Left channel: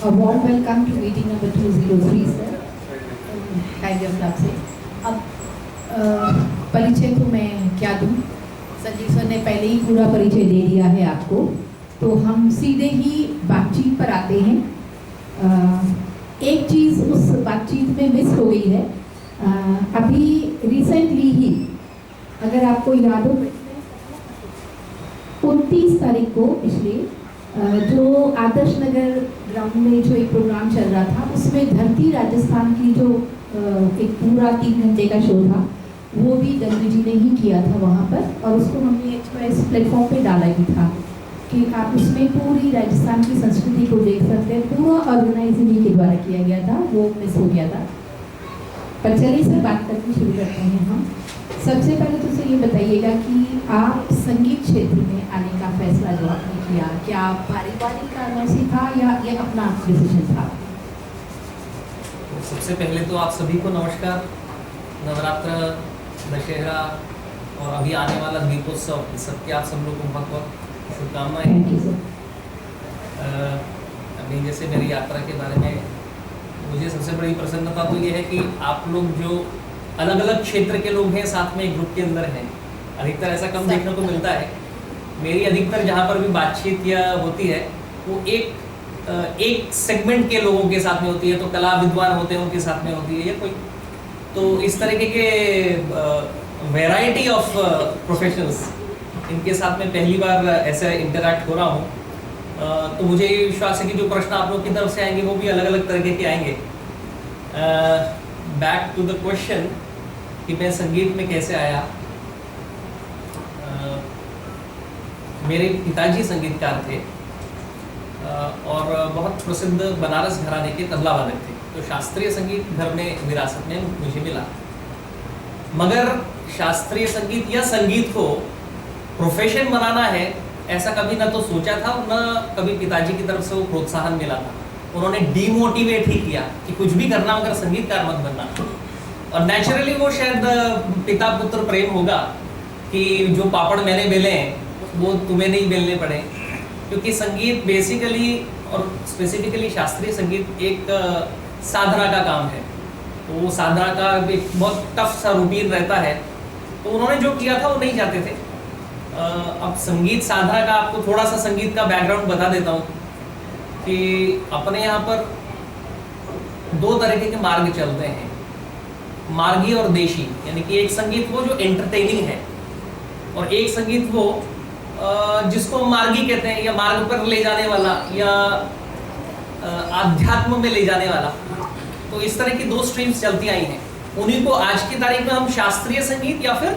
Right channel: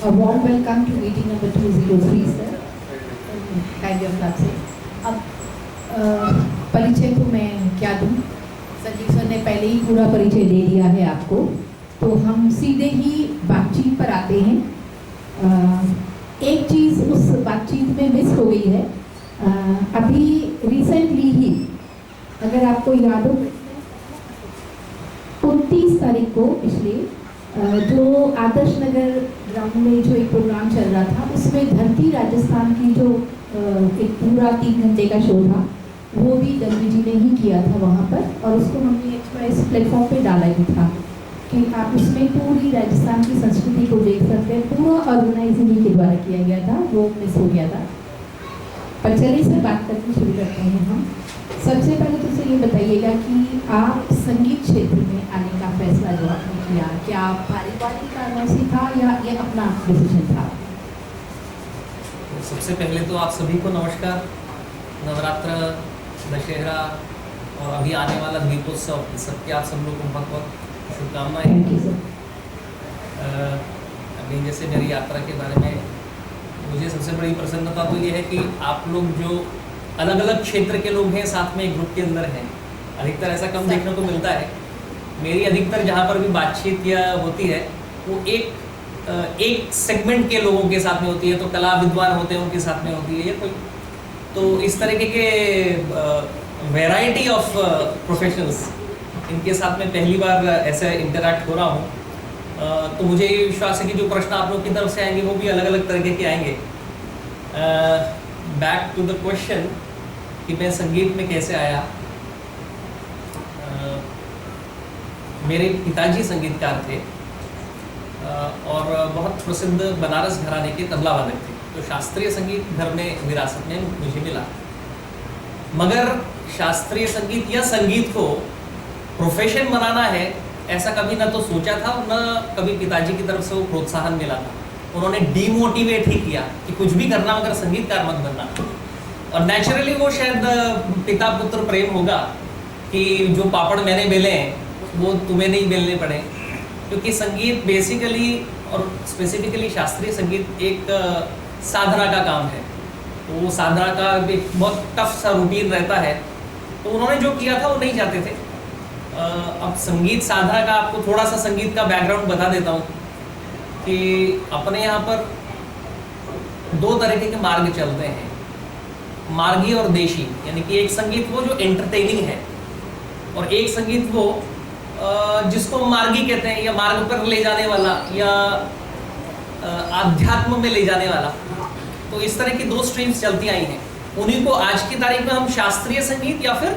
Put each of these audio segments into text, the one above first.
A warm welcome to meeting number 203, sir. Kind of love से। अब परिचय तो मैं क्या दूँ? संजीव सर ने पहले ही पूरा परिचय दे दिया है आपको, तो हम सीधे ही बातचीत पर आते हैं। एक चीज़ उस बातचीत में मिस हो गई है। अभी रिसेंटली ही, अगर आपको याद हो, 29 तारीख को पिछले जो आदर्श नगर ग्राउंड में जो एक प्रोग्राम चल रहा था, उसमें धरती राजस्थान की जो एक पूरा 3 घंटे का शो था, वो भी दलवी जी ने ही किया था वहाँ पर, और उसको हमने एक्सप्रेस प्लेटफॉर्म पे डाला भी था कि आप उसमें पूरी राजस्थान की संस्कृति को देख सकते हैं। पूरा ऑर्गेनाइजिंग के द्वारा किया गया था, वो मिस हो गया था। पर चलिए सर, बात करके शुरू करते हैं हम। सबसे पहले तो सर ये बताइएगा कि आप संगीत क्षेत्र में आने का फैसला जो आपने किया, क्या पारिवारिक कारणों से था या ये अपना डिसीजन था? सबसे पहले तो आप सभी को नमस्कार। नवरात्र, दशहरा और अभी आने वाला दीपोत्सव, सबके आप सब लोग को बहुत बहुत शुभकामनाएं। Thank you sir. अभी जैसे मेरी यात्रा के बारे में मुझे सबसे बड़ी प्रसन्नता तो ये है कि आप लोग जो अलग अलग क्षेत्र के लोग हैं, साथ में एक ग्रुप के अंदर हैं। अधिकतर ऐसा कम देखने को मिलता है। मेरी अधिकतर जहाँ पर भी बातचीत या होती है, वो एक सेगमेंट के लोगों के साथ में होती है, तो कला विद्वान होते हैं उनके साथ में होती है या कोई, तो इस तरीके के वैरायटी ऑफ प्रोफेशनल्स, इनके साथ में पहली बार ऐसा इंटरैक्ट हो रहा हूँ। तो मुझे ये विश्वास है कि जो प्रश्न आप लोग की तरफ से आएंगे वो भी अलग अलग तरीके के आएंगे। बैक टू द क्वेश्चन कि मैं संगीत में कैसे आया। मेरे पिताजी संगीतकार थे और बहुत प्रसिद्ध बनारस घराने के तबला वादक थे, तो शास्त्रीय संगीत घर में विरासत में मुझे मिला। मगर शास्त्रीय संगीत या संगीत को प्रोफेशन बनाना है, ऐसा कभी ना तो सोचा था, न कभी पिताजी की तरफ से वो प्रोत्साहन मिला था। उन्होंने डीमोटिवेट ही किया कि कुछ भी करना मगर संगीतकार मत बनना। और नेचुरली वो शायद पिता पुत्र प्रेम होगा कि जो पापड़ मैंने बेले हैं वो तुम्हें नहीं बेलने पड़े, क्योंकि संगीत बेसिकली और स्पेसिफिकली शास्त्रीय संगीत एक साधना का काम है। तो वो साधना का एक बहुत टफ सा रूटीन रहता है, तो उन्होंने जो किया था वो नहीं चाहते थे। अब संगीत साधना का आपको थोड़ा सा संगीत का बैकग्राउंड बता देता हूँ कि अपने यहाँ पर 2 तरीके के मार्ग चलते हैं, मार्गी और देशी। यानी कि एक संगीत वो जो एंटरटेनिंग है, और एक संगीत वो जिसको मार्गी कहते हैं, या मार्ग पर ले जाने वाला, या आध्यात्म में ले जाने वाला। तो इस तरह की 2 स्ट्रीम्स चलती आई हैं। उन्हीं को आज की तारीख में हम शास्त्रीय संगीत या फिर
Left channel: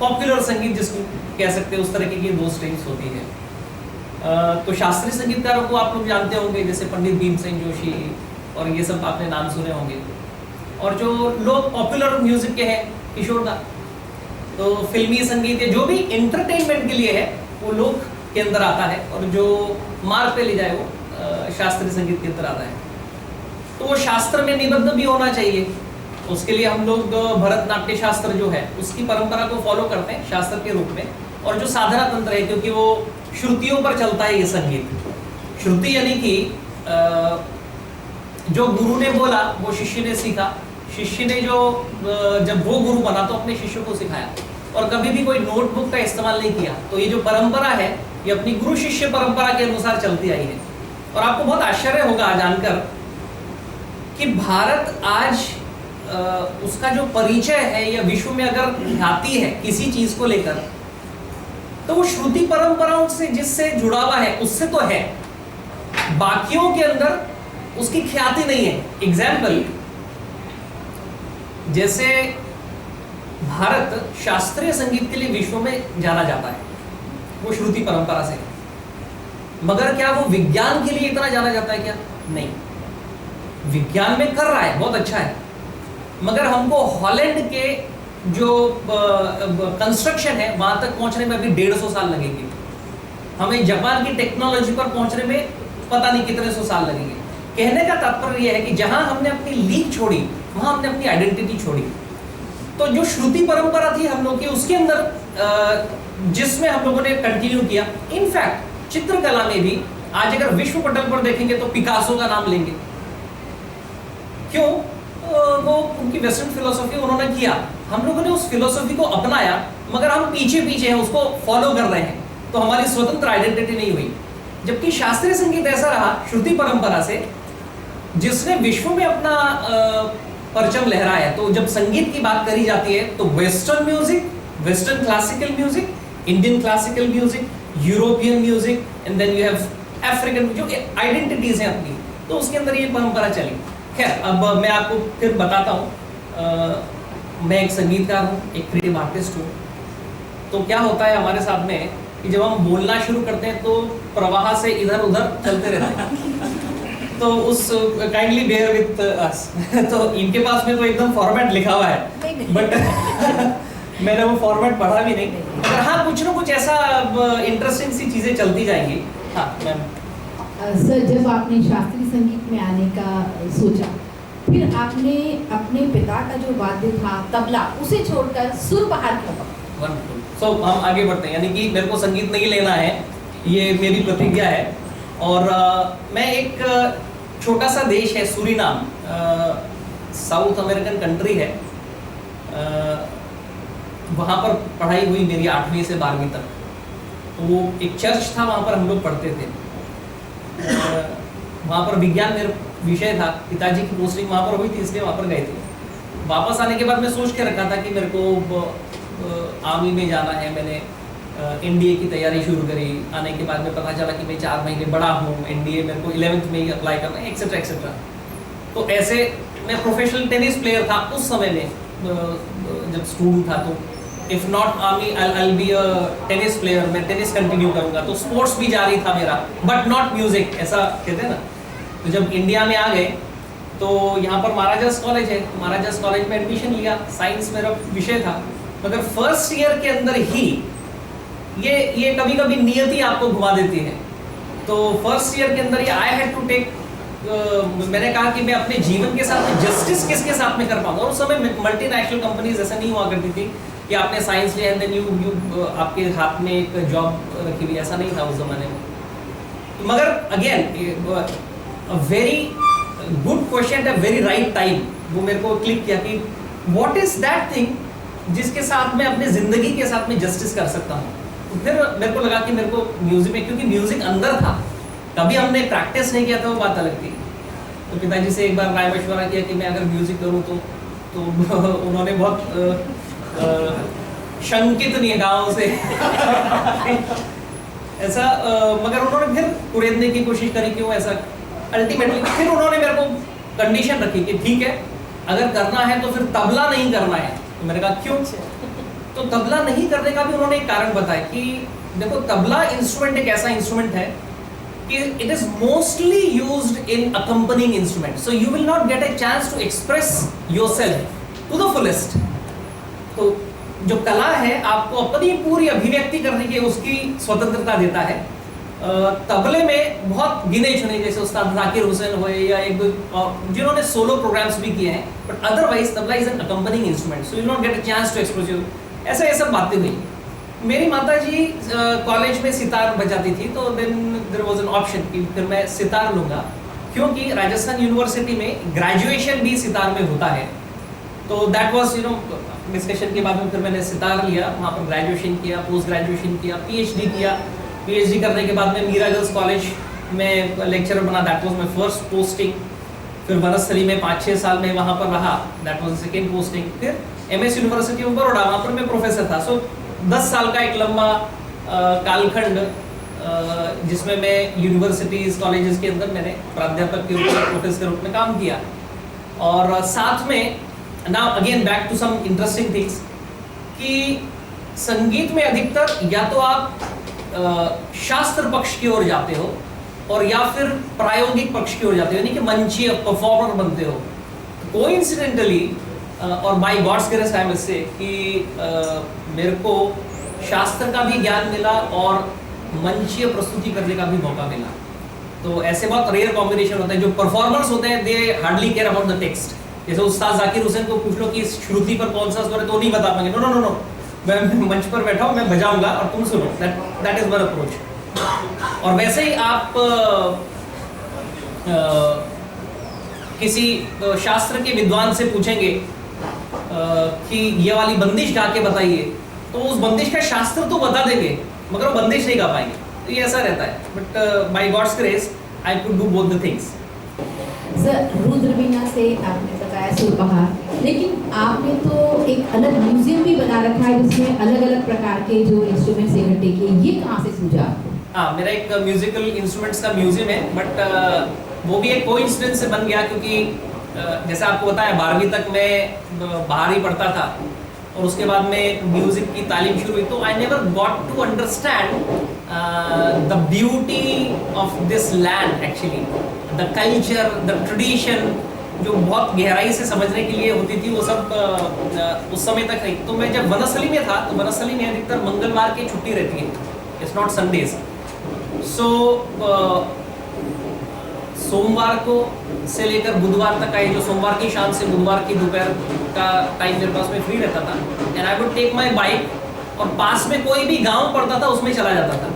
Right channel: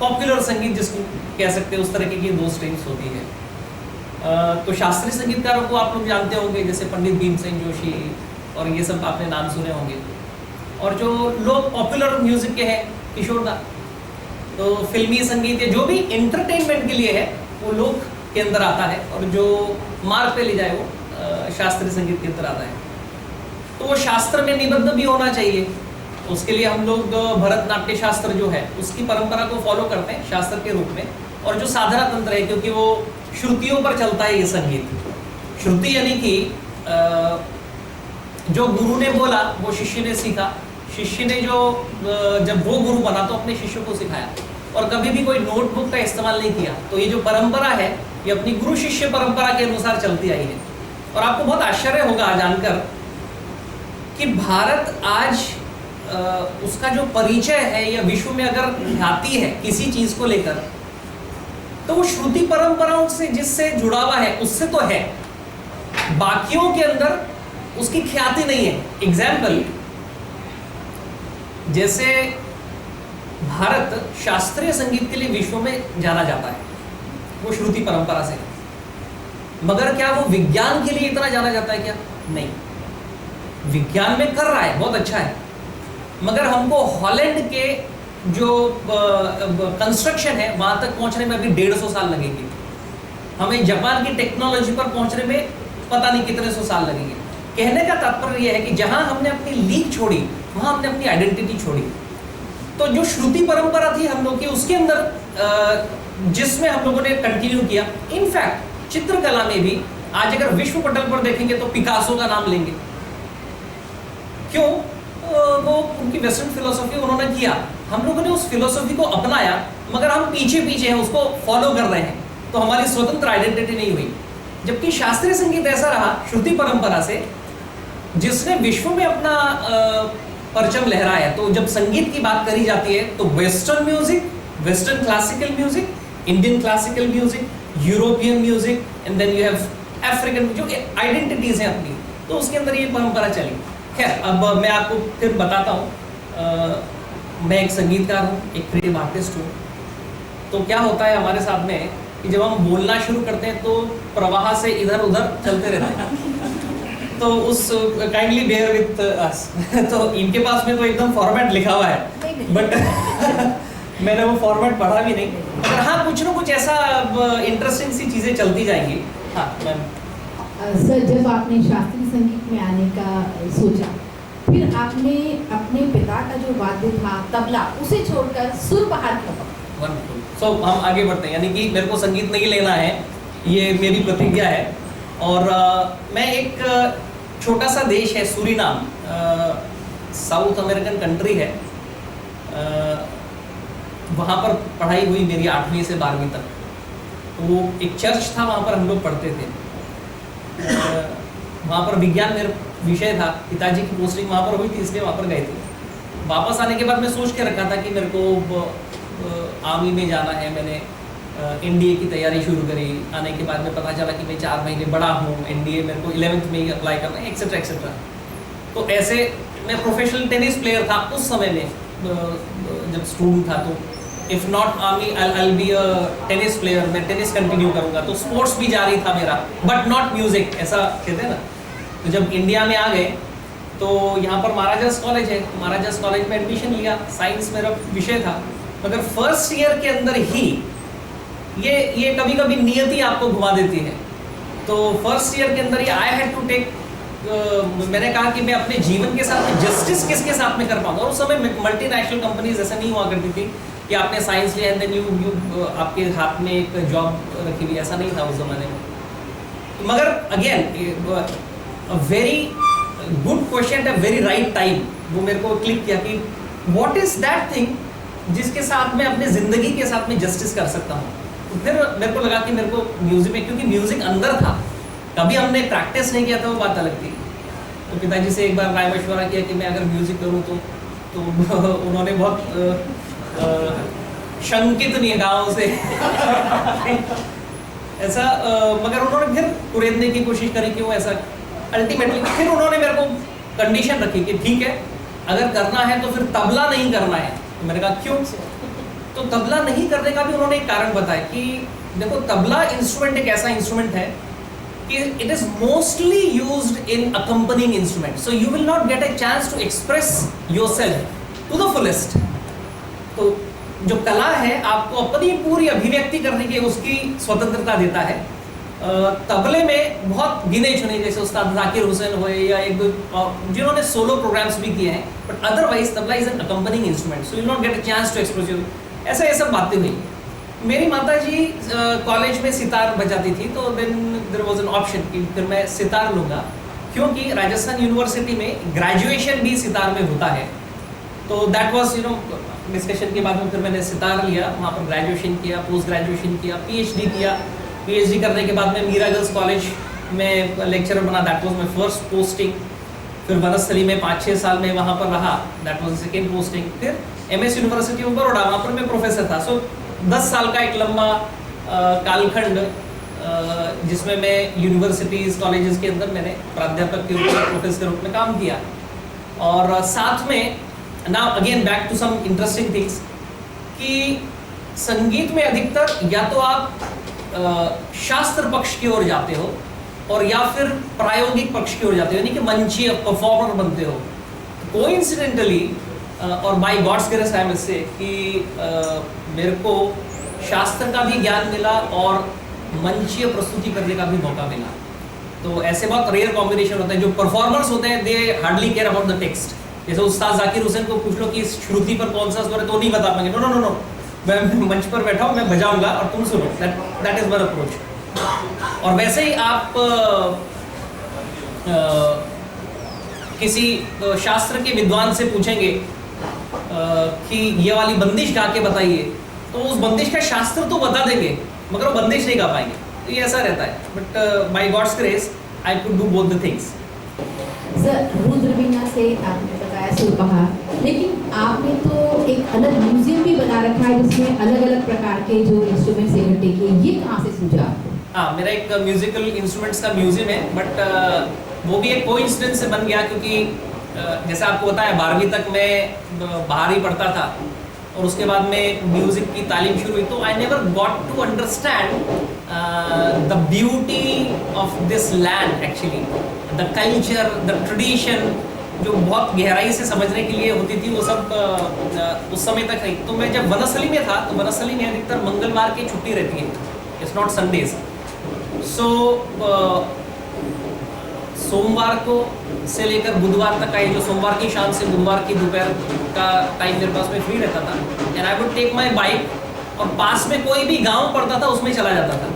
पॉपुलर संगीत जिसको कह सकते हैं, उस तरह की 2 स्ट्रीम्स होती है। तो शास्त्रीय संगीतकारों को आप लोग जानते होंगे, जैसे पंडित भीमसेन जोशी और ये सब आपने नाम सुने होंगे। और जो लोग पॉपुलर म्यूजिक के हैं, किशोर दा। तो फिल्मी संगीत या जो भी एंटरटेनमेंट के लिए है वो लोक के अंदर आता है, और जो मार्ग पे ले जाए वो शास्त्रीय संगीत के अंदर आता है। तो वो शास्त्र में निबद्ध भी होना चाहिए। उसके लिए हम लोग भरतनाट्य शास्त्र जो है उसकी परंपरा को फॉलो करते हैं शास्त्र के रूप में, और जो साधना तंत्र है, क्योंकि वो श्रुतियों पर चलता है ये संगीत। श्रुति यानी कि जो गुरु ने बोला वो शिष्य ने सीखा, शिष्य ने जो जब वो गुरु बना तो अपने शिष्य को सिखाया, और कभी भी कोई नोटबुक का इस्तेमाल नहीं किया। तो ये जो परंपरा है ये अपनी गुरु शिष्य परंपरा के अनुसार चलती आई है। और आपको बहुत आश्चर्य होगा जानकर कि भारत आज उसका जो परिचय है या विश्व में अगर ख्याति है किसी चीज को लेकर, तो वो श्रुति परंपराओं से जिससे जुड़ा हुआ है उससे तो है, बाकियों के अंदर उसकी ख्याति नहीं है। एग्जाम्पल, जैसे भारत शास्त्रीय संगीत के लिए विश्व में जाना जाता है, वो श्रुति परंपरा से, मगर क्या वो विज्ञान के लिए इतना जाना जाता है क्या? नहीं। विज्ञान में कर रहा है, बहुत अच्छा है, मगर हमको हॉलैंड के जो कंस्ट्रक्शन है वहां तक पहुंचने में अभी 150 साल लगेंगे। हमें जापान की टेक्नोलॉजी पर पहुंचने में पता नहीं कितने 100 साल लगेंगे। कहने का तात्पर्य यह है कि जहां हमने अपनी लीक छोड़ी वहां हमने अपनी आइडेंटिटी छोड़ी। तो जो श्रुति परंपरा थी हम लोग की, उसके अंदर जिसमें हम लोगों ने कंटिन्यू किया। इनफैक्ट चित्रकला में भी आज अगर विश्व पटल पर देखेंगे तो पिकासो का नाम लेंगे। क्यों? वो उनकी वेस्टर्न फिलोसॉफी उन्होंने किया, हम लोगों ने उस फिलोसॉफी को अपनाया, मगर हम पीछे पीछे हैं, उसको फॉलो कर रहे हैं, तो हमारी स्वतंत्र आइडेंटिटी नहीं हुई। जबकि शास्त्रीय संगीत ऐसा रहा श्रुति परंपरा से, जिसने विश्व में अपना परचम लहराया। तो जब संगीत की बात करी जाती है तो western music, western classical music, Indian classical music, European music, and then you have African, जो आइडेंटिटीज हैं अपनी, तो उसके अंदर ये परंपरा चली। खैर, अब मैं आपको फिर बताता हूँ। मैं एक संगीतकार हूँ, एक क्रिएटिव आर्टिस्ट हूँ। तो क्या होता है हमारे साथ में कि जब हम बोलना शुरू करते हैं तो प्रवाह से इधर उधर चलते रहते हैं। तो उस काइंडली बेयर विथ अस। तो इनके पास में तो एकदम फॉर्मेट लिखा हुआ है, बट मैंने वो फॉर्मेट पढ़ा भी नहीं। मगर हाँ, कुछ ना कुछ ऐसा इंटरेस्टिंग सी चीज़ें चलती जाएंगी। हाँ मैम। सर, जब आपने शास्त्रीय संगीत में आने का सोचा, फिर आपने अपने पिता का जो वाद्य था तबला, उसे छोड़कर सुर बहार क्यों पकड़ा? वंडरफुल। सो हम आगे बढ़ते हैं, यानी कि मेरे को संगीत नहीं लेना है, ये मेरी प्रतिज्ञा है। और मैं एक छोटा सा देश है सूरीनाम, साउथ अमेरिकन कंट्री है, वहाँ पर पढ़ाई हुई मेरी 8वीं से 12वीं तक। तो वो एक चर्च था, वहाँ पर हम लोग पढ़ते थे। वहाँ पर विज्ञान मेरा विषय था, पिताजी की पोस्टिंग वहाँ पर हुई थी, इसलिए वहाँ पर गए थे। वापस आने के बाद मैं सोच के रखा था कि मेरे को आर्मी में जाना है। मैंने एनडीए की तैयारी शुरू करी। आने के बाद में पता चला कि मैं 4 महीने बड़ा हूँ, एनडीए मेरे को 11th में ही अप्लाई करना है, एक्सेट्रा एक्सेट्रा। तो ऐसे मैं प्रोफेशनल टेनिस प्लेयर था उस समय में, जब स्टूडेंट था। तो if not army I be a tennis player, मैं टेनिस कंटिन्यू करूँगा। तो स्पोर्ट्स भी जारी था मेरा, बट नॉट म्यूजिक, ऐसा कहते हैं ना। तो जब इंडिया में आ गए तो यहाँ पर महाराजास कॉलेज है, तो महाराजास कॉलेज में एडमिशन लिया। साइंस मेरा विषय था, मगर फर्स्ट ईयर के अंदर ही ये कभी कभी नियति आपको घुमा देती है। तो फर्स्ट ईयर के अंदर ही आई हैड टू टेक, मैंने कहा कि मैं अपने जीवन के साथ जस्टिस किसके साथ में कर पाऊंगा। और उस समय मल्टीनेशनल कंपनीज ऐसा नहीं हुआ करती थी कि आपने साइंस लिया एंड देन यू आपके हाथ में एक जॉब रखी हुई, ऐसा नहीं था उस ज़माने में। मगर again a very good question at a very right time, वो मेरे को क्लिक किया कि व्हाट इज दैट थिंग जिसके साथ मैं अपने ज़िंदगी के साथ में जस्टिस कर सकता हूँ। तो फिर मेरे को लगा कि मेरे को म्यूज़िक में, क्योंकि म्यूज़िक अंदर था, कभी हमने प्रैक्टिस नहीं किया था, वो बात अलग थी। तो पिताजी से एक बार राय मशवरा किया कि मैं अगर म्यूज़िक करूँ तो उन्होंने बहुत शंकित निगाहों से ऐसा मगर उन्होंने फिर कुरेदने की कोशिश करी कि वो ऐसा अल्टीमेटली फिर उन्होंने मेरे को कंडीशन रखी कि ठीक है, अगर करना है तो फिर तबला नहीं करना है। तो मैंने कहा क्यों? तो तबला नहीं करने का भी उन्होंने एक कारण बताया कि देखो, तबला इंस्ट्रूमेंट एक ऐसा इंस्ट्रूमेंट है कि it is mostly used in accompanying instrument, so you will not get a chance to express yourself to the fullest. तो जो कला है आपको अपनी पूरी अभिव्यक्ति करने की उसकी स्वतंत्रता देता है। तबले में बहुत गिने चुने, जैसे उस्ताद जाकिर हुसैन हुए या एक दो जिन्होंने सोलो प्रोग्राम्स भी किए हैं, but otherwise tabla is an accompanying instrument, so you not get a chance to express your. ऐसा ये सब बातें हुई। मेरी माता जी कॉलेज में सितार बजाती थी, तो then there was an option कि फिर मैं सितार लूँगा, क्योंकि राजस्थान यूनिवर्सिटी में ग्रेजुएशन भी सितार में होता है। तो दैट वाज डिस्कशन के बाद में फिर मैंने सितार लिया, वहाँ पर ग्रेजुएशन किया, पोस्ट ग्रेजुएशन किया, पीएचडी किया। पीएचडी करने के बाद में मीरा गर्ल्स कॉलेज में लेक्चरर बना, that was my first posting. फिर वनस्थली में 5-6 साल में वहाँ पर रहा, दैट वाज सेकेंड पोस्टिंग। फिर एमएस यूनिवर्सिटी ऑफ बड़ौदा, वहाँ पर मैं प्रोफेसर था। सो 10 साल का एक लंबा कालखंड, जिसमें मैं यूनिवर्सिटीज़ कॉलेजेस के अंदर मैंने प्राध्यापक के रूप में, प्रोफेसर के रूप में काम किया। और साथ में now again back to some interesting things, कि संगीत में अधिकतर या तो आप शास्त्र पक्ष की ओर जाते हो और या फिर प्रायोगिक पक्ष की ओर जाते हो, यानी कि मंचीय परफॉर्मर बनते हो। कोइंसिडेंटली और by God's grace I must say कि मेरे को शास्त्र का भी ज्ञान मिला और मंचीय प्रस्तुति करने का भी मौका मिला। तो ऐसे बहुत रेयर कॉम्बिनेशन होता है। जो परफॉर्मर्स होते हैं they hardly care about the text. जैसे उस्ताद जाकिर हुसैन को पूछ लो कि इस श्रुति पर कौन सा स्वर है, तो नहीं बता पाएंगे। नो नो नो नो, मैं मंच पर बैठा हूँ, मैं बजाऊंगा और तुम सुनो। That is one approach. और वैसे ही आप किसी शास्त्र के विद्वान से पूछेंगे कि ये वाली बंदिश गा के बताइए, तो उस बंदिश का शास्त्र तो बता देंगे मगर वो बंदिश नहीं गा पाएंगे। तो ये ऐसा रहता है, but by God's grace I could do both the things. Sir, Rudraveena से आपने बताया सुरबहार, लेकिन आपने तो एक अलग म्यूजियम भी बना रखा है जिसमें अलग अलग प्रकार के जो इंस्ट्रूमेंट्स इकट्ठे किए, ये कहाँ से सूझा आपको? हाँ, मेरा एक म्यूजिकल इंस्ट्रूमेंट्स का म्यूजियम है, बट वो भी एक कोइंसिडेंस से बन गया क्योंकि जैसे आपको बताया 12वीं तक मैं बाहर ही पढ़ता था और उसके बाद में म्यूजिक की तालीम शुरू हुई, तो I never got to understand the beauty of this land, actually the culture, the tradition, जो बहुत गहराई से समझने के लिए होती थी वो सब उस समय तक नहीं। तो मैं जब वनस्थली में था तो वनस्थली में अधिकतर मंगलवार की छुट्टी रहती है, इट्स नॉट संडेज। सो सोमवार को से लेकर बुधवार तक का ये जो सोमवार की शाम से बुधवार की दोपहर का टाइम मेरे पास में फ्री रहता था, and I would take my bike और पास में कोई भी गांव पड़ता था उसमें चला जाता था,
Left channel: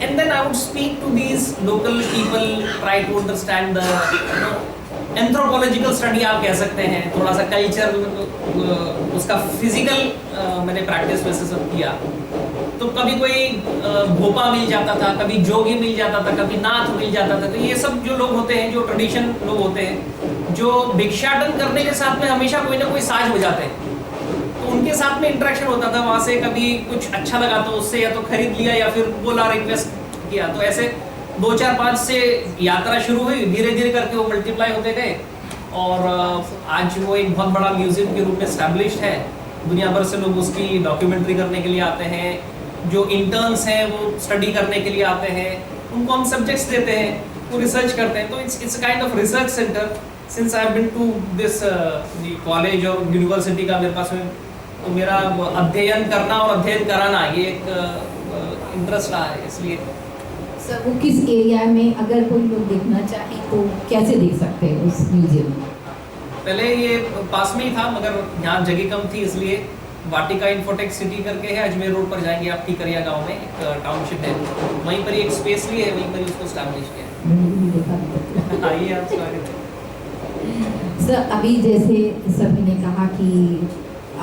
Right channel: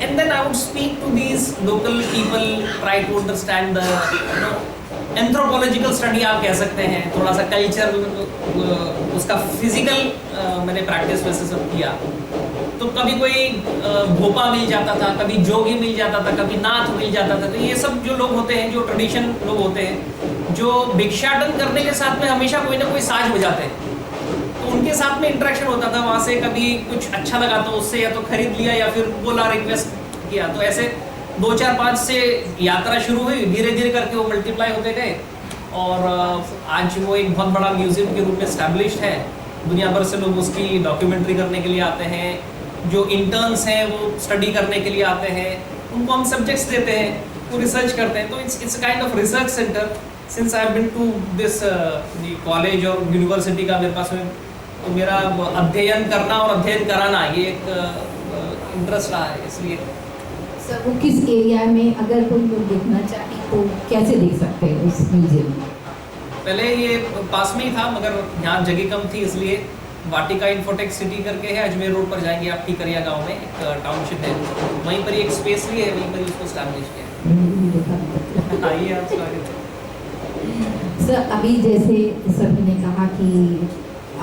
and then I would speak to these local people, try to understand the anthropological study आप कह सकते हैं, थोड़ा सा कल्चर, उसका फिजिकल मैंने प्रैक्टिस वैसे सब किया। तो कभी कोई भोपा मिल जाता था, कभी जोगी मिल जाता था, कभी नाथ मिल जाता था। तो ये सब जो लोग होते हैं, जो ट्रेडिशन लोग होते हैं, जो भिक्षाटन करने के साथ में हमेशा कोई ना कोई साज बजाते हैं, तो उनके साथ में इंटरेक्शन होता था। वहाँ से कभी कुछ अच्छा लगा तो उससे या तो खरीद लिया या फिर बोला, रिक्वेस्ट किया। तो ऐसे 2, 4, 5 से यात्रा शुरू हुई, धीरे धीरे करके वो मल्टीप्लाई होते गए और आज वो एक बहुत बड़ा म्यूजियम के रूप में एस्टैब्लिश्ड है। दुनिया भर से लोग उसकी डॉक्यूमेंट्री करने के लिए आते हैं, जो इंटर्न्स हैं वो स्टडी करने के लिए आते हैं, उनको हम सब्जेक्ट्स देते हैं, वो रिसर्च करते हैं। तो it's kind of research centre. Since I have been to this college और यूनिवर्सिटी का मेरे पास में, तो मेरा अध्ययन करना और अध्ययन कराना ये एक इंटरेस्ट रहा है। इसलिए सर, वो किस एरिया में, अगर कोई लोग देखना चाहे तो कैसे देख सकते हैं उस म्यूजियम में? पहले ये पास में ही था मगर यहाँ जगह कम थी, इसलिए वाटिका इन्फोटेक सिटी करके है, अजमेर रोड पर जाएंगे आप, टिकरिया गांव में एक टाउनशिप है, वहीं पर ही एक स्पेस ली है, वहीं पर ही उसको स्टैब्लिश किया। आइए आप स्वागत है। सर, अभी जैसे सभी ने कहा कि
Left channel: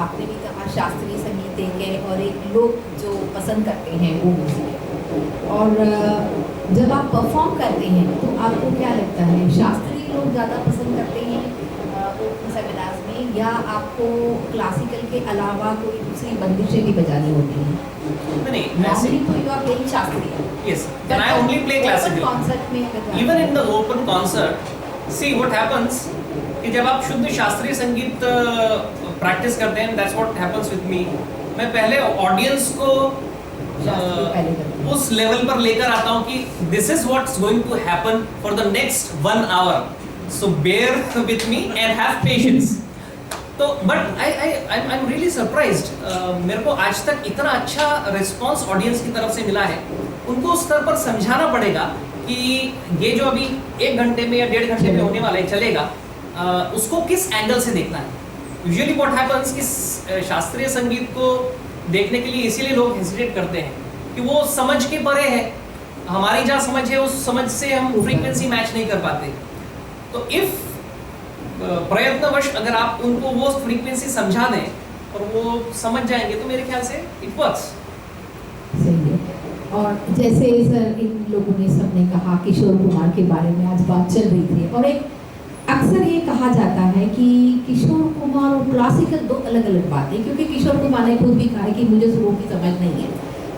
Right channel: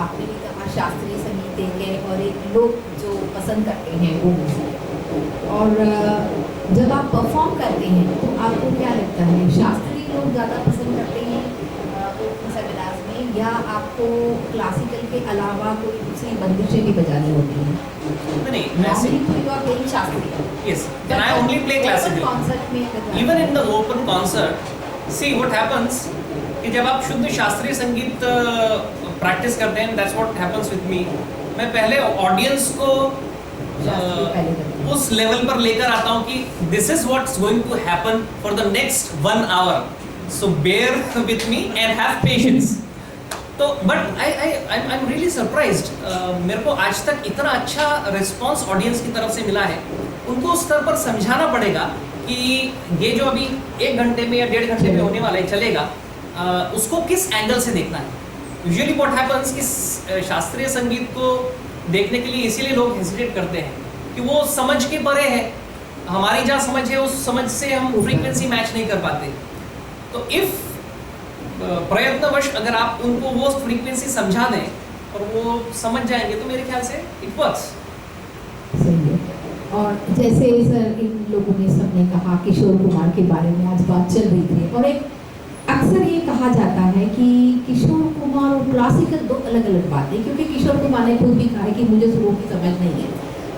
आपने भी कहा शास्त्रीय संगीत एक है और एक लोग जो पसंद करते हैं वो म्यूजिक है, और जब आप परफॉर्म करते हैं तो आपको क्या लगता है, शास्त्रीय लोग ज़्यादा पसंद करते हैं सेमिनार्स में, या आपको क्लासिकल के अलावा कोई दूसरी बंदिशें भी बजानी होती हैं? नहीं, नॉर्मली तो यू आर प्लेइंग शास्त्रीय। Yes, and I only play classical. Concert में Even in the open concert, see what happens कि जब आप शुद्ध शास्त्रीय संगीत प्रैक्टिस करते हैं, that's what happens with me. मैं पहले ऑडियंस को उस लेवल पर लेकर आता हूँ कि this is what's going to happen for the next 1 hour. So bear with me and have patience. तो but I'm really surprised. मेरे को आज तक इतना अच्छा रिस्पॉन्स ऑडियंस की तरफ से मिला है। उनको उस स्तर पर समझाना पड़ेगा कि ये जो अभी 1 घंटे में या 1.5 घंटे में होने वाला है चलेगा, उसको किस एंगल से देखना है। यूजुअली व्हाट हैपेंस कि शास्त्रीय संगीत को देखने के लिए इसीलिए लोग हेजिटेट करते हैं कि वो समझ के परे है, हमारी जहाँ समझ है उस समझ से हम फ्रीक्वेंसी मैच नहीं कर पाते। तो इफ प्रयत्नवश अगर आप उनको वो फ्रीक्वेंसी समझा दें और वो समझ जाएंगे तो मेरे ख्याल से इट वर्क्स। सही है। और जैसे सर इन लोगों ने सबने कहा किशोर कुमार के बारे में आज बात चल रही थी, और एक अक्सर ये कहा जाता है कि किशोर कुमार और क्लासिकल 2 अलग अलग बातें, क्योंकि किशोर कुमार ने खुद भी कहा है कि मुझे सुरों की समझ नहीं है,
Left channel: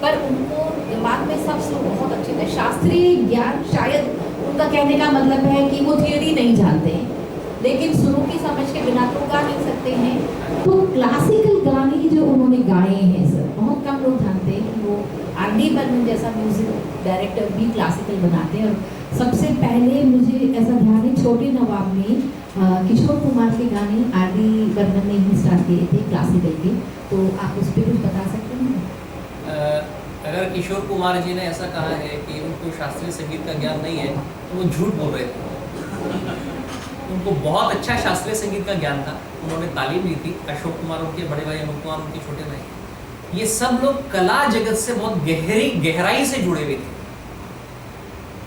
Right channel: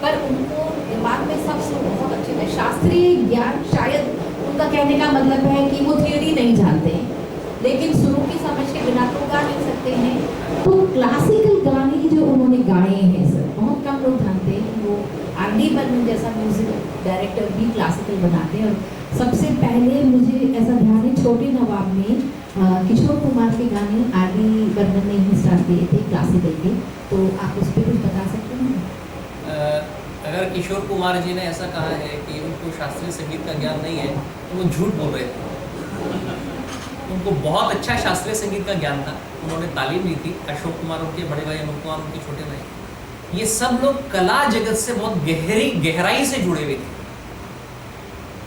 पर उनको दिमाग में सब सुर बहुत अच्छे थे। शास्त्रीय ज्ञान शायद उनका कहने का मतलब है कि वो थियोरी नहीं जानते हैं, लेकिन सुरों की समझ के बिना तो गा नहीं सकते हैं। तो क्लासिकल गाने जो उन्होंने गाए हैं सर, बहुत कम लोग जानते हैं कि वो R.D. बर्मन जैसा म्यूजिक डायरेक्टर भी क्लासिकल बनाते हैं। और सबसे पहले मुझे ऐसा ध्यान है छोटे नवाब में किशोर कुमार के गाने R.D. बर्मन ने ही स्टार्ट किए थे क्लासिकल के, तो आप उस पर कुछ बता सकते हैं? अगर किशोर कुमार जी ने ऐसा कहा है कि उनको शास्त्रीय संगीत का ज्ञान नहीं है तो वो झूठ बोल रहे थे। उनको बहुत अच्छा शास्त्रीय संगीत का ज्ञान था, उन्होंने तालीम ली थी। अशोक कुमार उनके बड़े भाई, अनूप कुमार उनके छोटे भाई, ये सब लोग कला जगत से बहुत गहराई से जुड़े हुए थे।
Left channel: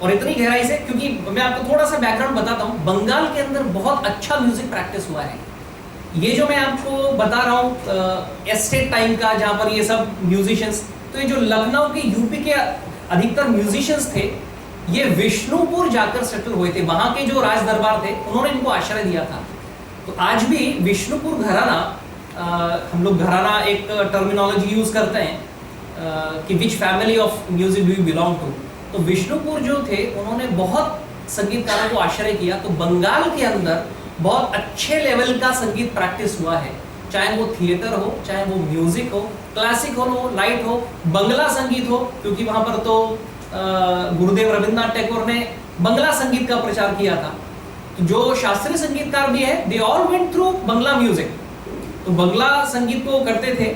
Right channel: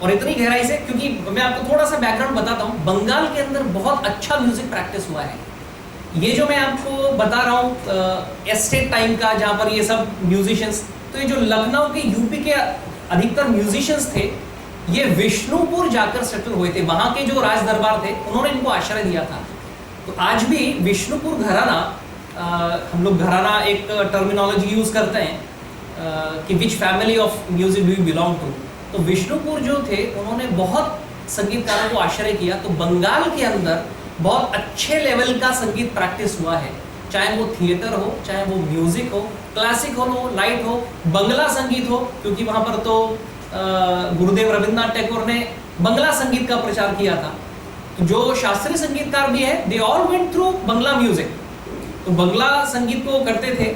और इतनी गहराई से, क्योंकि मैं आपको थोड़ा सा बैकग्राउंड बताता हूँ। बंगाल के अंदर बहुत अच्छा म्यूजिक प्रैक्टिस हुआ है। ये जो मैं आपको बता रहा हूँ एस्टेट टाइम का, जहाँ पर ये सब म्यूजिशियंस, तो ये जो लखनऊ के, यूपी के अधिकतर म्यूजिशियंस थे, ये विष्णुपुर जाकर सेटल हुए थे। वहाँ के जो राज दरबार थे उन्होंने इनको आश्रय दिया था। तो आज भी विष्णुपुर घराना, हम लोग घराना एक टर्मिनोलॉजी यूज करते हैं कि which family of music do you belong to. तो विष्णुपुर जो थे उन्होंने बहुत संगीतकारों को आश्रय किया। तो बंगाल के अंदर बहुत अच्छे लेवल का संगीत प्रैक्टिस हुआ है, चाहे वो थिएटर हो, चाहे वो म्यूजिक हो, क्लासिकल हो, लाइट हो, बंगला संगीत हो, क्योंकि वहाँ पर तो गुरुदेव रविंद्रनाथ टैगोर ने बंगला संगीत का प्रचार किया था। तो जो शास्त्रीय संगीतकार भी है, they all went through Bangla music. तो बंगला संगीत को करते थे,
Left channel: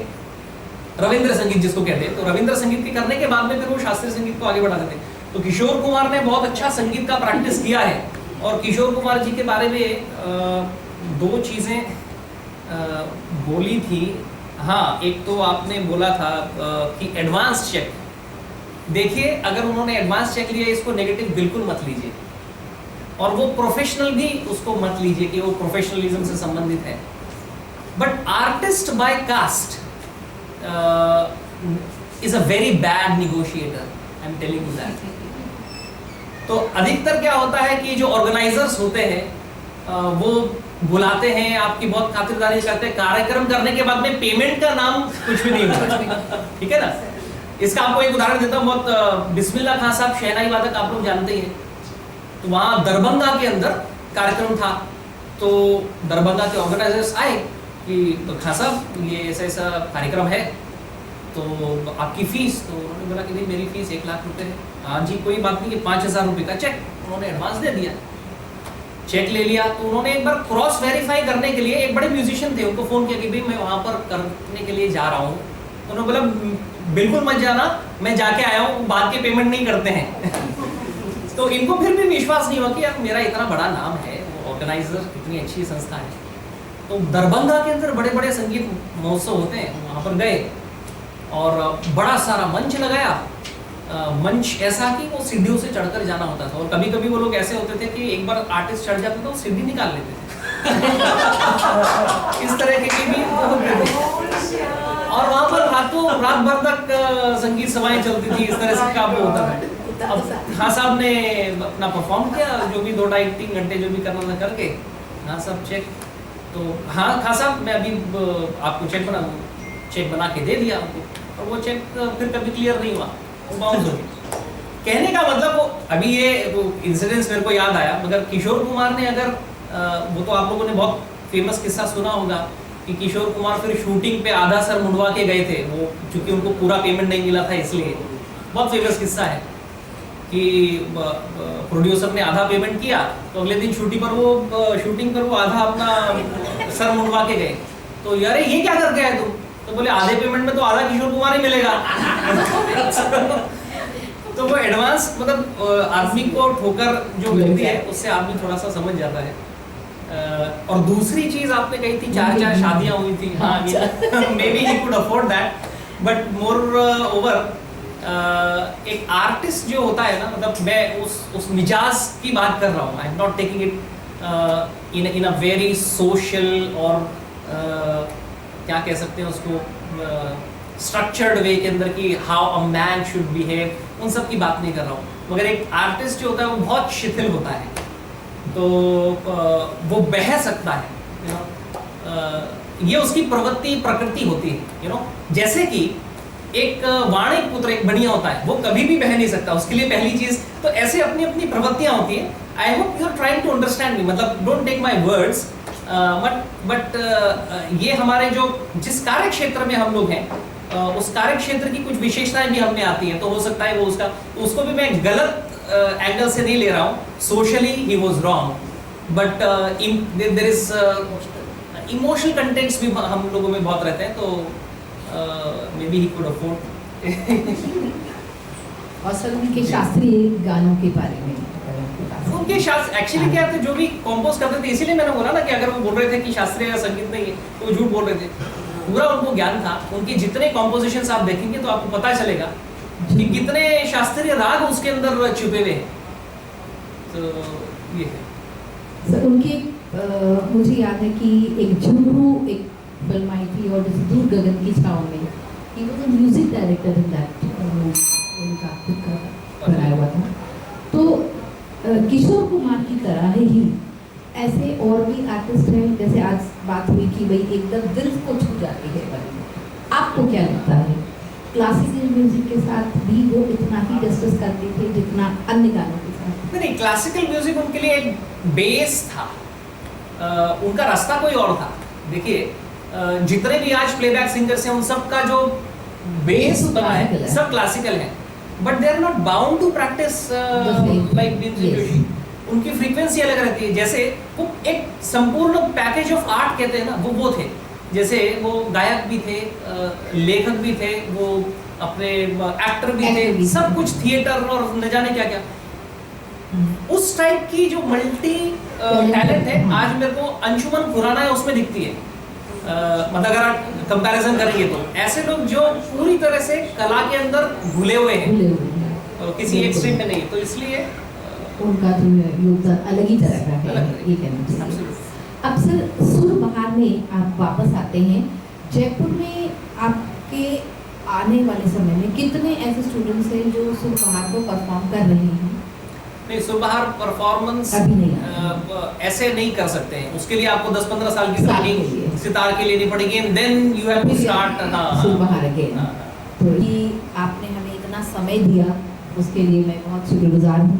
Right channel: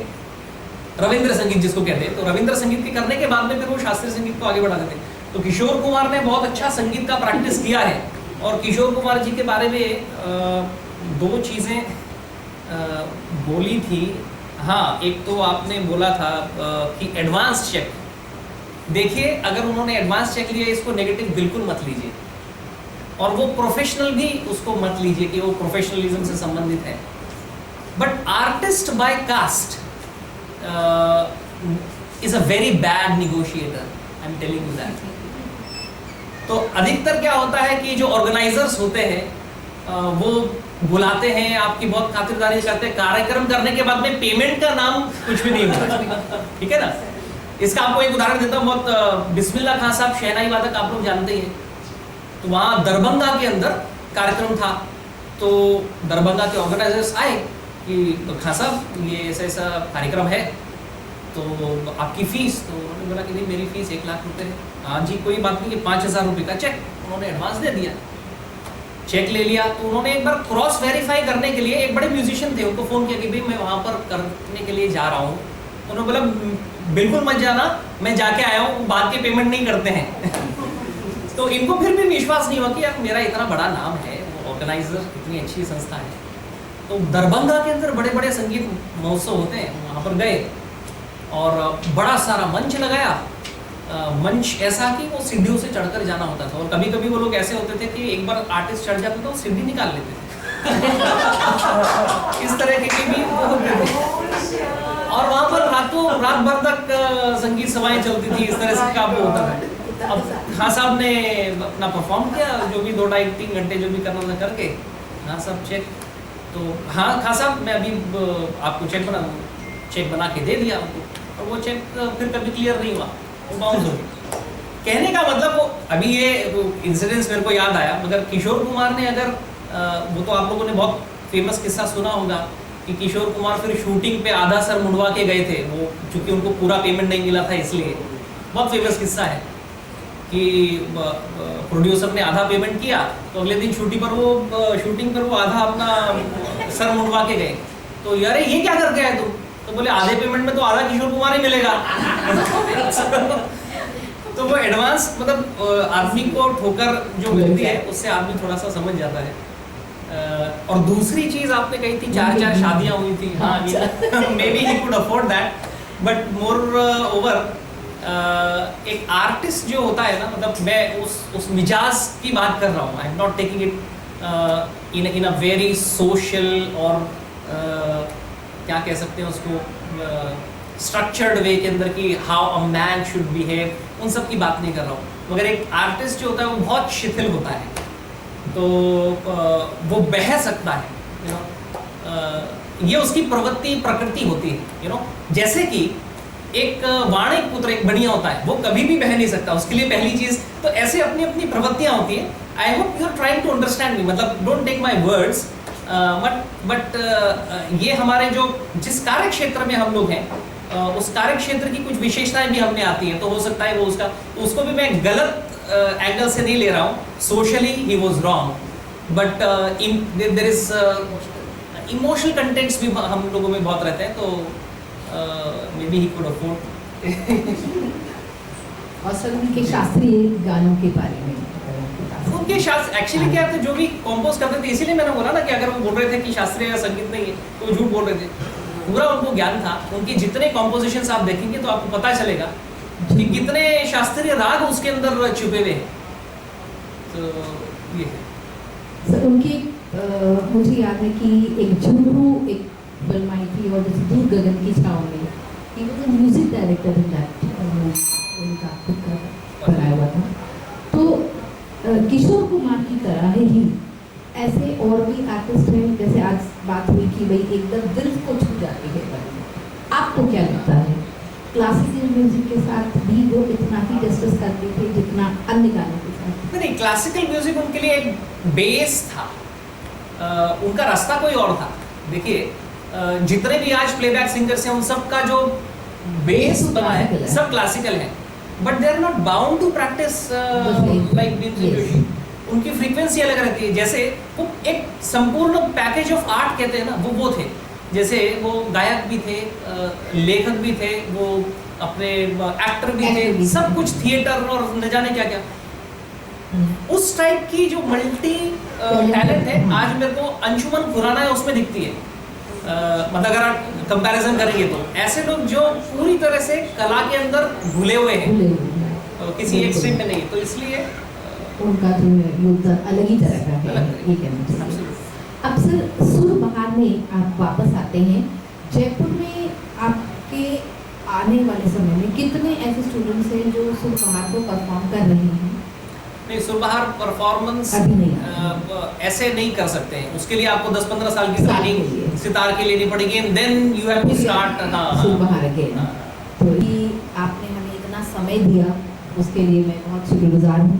रविंद्र संगीत जिसको कहते हैं। तो रविंद्र संगीत के करने के बाद में फिर वो शास्त्रीय संगीत को आगे बढ़ाते थे। तो किशोर कुमार ने बहुत अच्छा संगीत का प्रैक्टिस किया है। और किशोर कुमार जी के बारे में दो चीज़ें बोली थी। हाँ, एक तो आपने बोला था कि एडवांस चेक। देखिए, अगर उन्होंने एडवांस चेक लिया, इसको नेगेटिव बिल्कुल मत लीजिए, और वो प्रोफेशनल भी उसको मत लीजिए कि वो प्रोफेशनलिज्म से संबंधित है। But artist by caste is a very bad negotiator, I am telling you that. तो अधिकतर क्या होता है कि जो ऑर्गेनाइजर्स होते हैं वो बुलाते हैं, आपकी बहुत खातिरदारी करते हैं, कार्यक्रम करने के बाद में पेमेंट का नाम कुछ भी नहीं होता। ठीक है ना। इसका आपको एक उदाहरण देता हूँ। बहुत बिस्मिल्लाह खान साहब शहनाई वादक आप लोग जानते हैं। तो वहाँ दरभंगा के अंदर कार्यक्रम था। तो दरभंगा के ऑर्गेनाइजर्स आए कि खान साहब ये ऐसा ऐसा कार्यक्रम है, तो आपकी फीस। तो उन्होंने बोला कि नहीं, मेरी फीस 1 लाख रुपए है। हाँ जी, कोई बात नहीं, 5,000 रुपये का चेक उन्होंने एडवांस दे दिया। चेक ले लिया। तो उन्होंने एक बार क्रॉस वेरीफाई करने के लिए एक बड़े म्यूजिशियन थे, उनको फ़ोन किया कि भाई मैं वहाँ पर करने के लिए जा रहा हूँ। उन्होंने बोला बिल्कुल मत जाना, मैं जाके आया हूँ, बाद के पेमेंट नहीं करते हैं। तो इनको फिर भी विश्वास नहीं हुआ कि यार मेरा इतना बड़ा नाम है, वो ऑर्गेनाइजर इतनी अच्छी संस्था है। तो दरभंगा के अंदर बड़े बड़े संगीत महोत्सव होते हैं, वहाँ पर गए और बड़ा सारा मंच लगाया। मंच ऐसा कि वो सीढ़ियों से चढ़कर जाना होता था। और कभी कभी वो लोग ऐसे होते थे कि एक बार आर्टिस्ट चढ़ जाते तो सीढ़ी निकाल लेते थे। इस तरह के भी वो होते थे। और वहाँ पर रात भर तक संगीत सभाएं चलती थी। इस तरह से काम होता था। अब खान साहब ने अपना परफॉर्म किया, जो भी 2-2.5-3 घंटे जो भी करना था करके। हाँ साहब चेक, तो हाँ खान साहब मैं अभी आपको चेक बना के दे दिया उनको। और वो चेक फिर कभी क्लियर नहीं हुआ, वो बाउंस हो गया। कहने का मतलब वो अभी ये इंसिडेंस मेरे को याद आया। मगर किशोर कुमार ने अगर वो तो आप लोगों ने बहुत फेमस किस्सा सुना होगा कि किशोर कुमार फिर शूटिंग पे आधा सर मुंडवा के गए थे, वो चूंकि उनको पूरा पेमेंट नहीं मिला था इसलिए। बहुत फेमस किस्सा है कि प्रोड्यूसर ने आधा पेमेंट किया, तो अगले दिन शूटिंग पर वो आधा अपना सर मुंडवा के गए। तो यार ये क्या करके आए तुम? तो बोले आधे पेमेंट में तो आधा किशोर कुमार ही मिलेगा। तो वो एडवांस मतलब आदमी को ठोकर जो मिलती है उससे आदमी थोड़ा सा समझ जाता है। और दूसरी चीज आपने कही थी 4 शादियां हुई थी। हाँ, may be he could afford that, but more over एक आर्टिस्ट जो होता है ना, मतलब मैं उस मिजाज की बात कर रहा हूँ। I am not taking it in a very social और क्या कह सकते हैं उसको स्ट्रक्चर्ड वे के अंदर कि how a man should behave, उन सब की बात नहीं कर रहा हूँ। मगर एक आर्टिस्ट जो होता है वो बहुत शिथिल होता है, तो वो बह सकता है। ये उसकी प्रकृति होती है। जैसे कि एक वाणिक पुत्र एक बढ़िया होता है, वो कभी भी बह नहीं सकता। उसके लिए पहली चीज तो ऐसे अपनी अपनी प्रवृत्तियां होती है। I hope you are trying to understand me, मतलब don't take my words, but ये हमारे जो जिस कार्य क्षेत्र में हम लोग हैं उस कार्य क्षेत्र की कुछ विशेषताएं भी हमने आती हैं। तो हो सकता है वो उसको भी मैं गलत एंगल से नहीं ले रहा हूँ। Socially he was wrong, but there is emotional contents भी हम लोगों में बहुत रहते हैं, तो maybe he could afford. और सर उनके शास्त्रीय गानों के बारे में उनके शास्त्र एक्चुअली क्या थे, जो भी कंपोज करते थे, इसीलिए मैंने बोला ना कि अगर वो बोल रहे थे कि शास्त्रीय संगीत नहीं है तो वो झूठ बोल रहे थे। पूरा उनको ज्ञान था। उनके जितने कॉम्पोजिशंस आप देखेंगे तो आपको पता चलेगा कि कितने शास्त्रीय राग उसके अंदर छुपे हुए हैं। तो ये है। सर उनकी मुझे याद है कि एक झुमरू एक फिल्म आई थी और जैसे दूर गगन की छाँव में he was a music director in that, उनका खुद का बनाया हुआ था। तो किशोर कुमार की तरह ही ऐसे और भी आर्टिस्ट हैं, जैसे आज बात हुई कि भाई एकदम दिल को छू जाती है बनी, आपको क्या लगता है क्लासिकल म्यूजिक के साथ भी वो इतना ही डिस्कस करते थे जितना अन्य गानों के साथ? नहीं, क्लासिकल म्यूजिक उनके लिए एक बेस था, उनका रास्ता कोई और था। देखिए जितने भी आज प्लेबैक सिंगर्स हैं उन सब का जो बेस बना है सब क्लासिकल है, but they are not bound to practise like music Joshi. उनकी फ्रीक्वेंसी अलग रहती है। जैसे वो एक संपूर्ण पैकेज ऑफ आर्ट कहते हैं ना, वो थे। जैसे वो गायक भी थे, लेखक भी थे, वो अपने एक्टर भी थे, सब कुछ थिएटर और न जाने क्या क्या। उस टाइप की जो मल्टी टैलेंट है आज मेरे को अंशुमन खुराना है उसमें दिखती है। मतलब अगर आप कंपैरिजन करेंगे तो ऐसे लोग जो पूरी तरह से कला के अंदर घुले हुए हैं, किसी एक स्ट्रीम में नहीं, तो इसलिए उनका जो योगदान अलग ही तरह का है, ये कहना चाहिए। अब सर सुरबहार में आप वापस आते हैं, जयपुर में आपके आने वाले समय में कितने ऐसे स्टूडेंट्स हैं जो सुरबहार को परफॉर्म कर रहे हैं? नहीं, सुरबहार परफॉर्मेंस ऐसे नहीं कर सकते हैं, उसके लिए आपको 10-15 साल की ट्रेनिंग सितार के लेनी पड़ेगी, and then you have to start surbahar again. तो ये आपने हमें इतना समय दिया उसके लिए मैं बहुत शुक्रगुजार हूँ।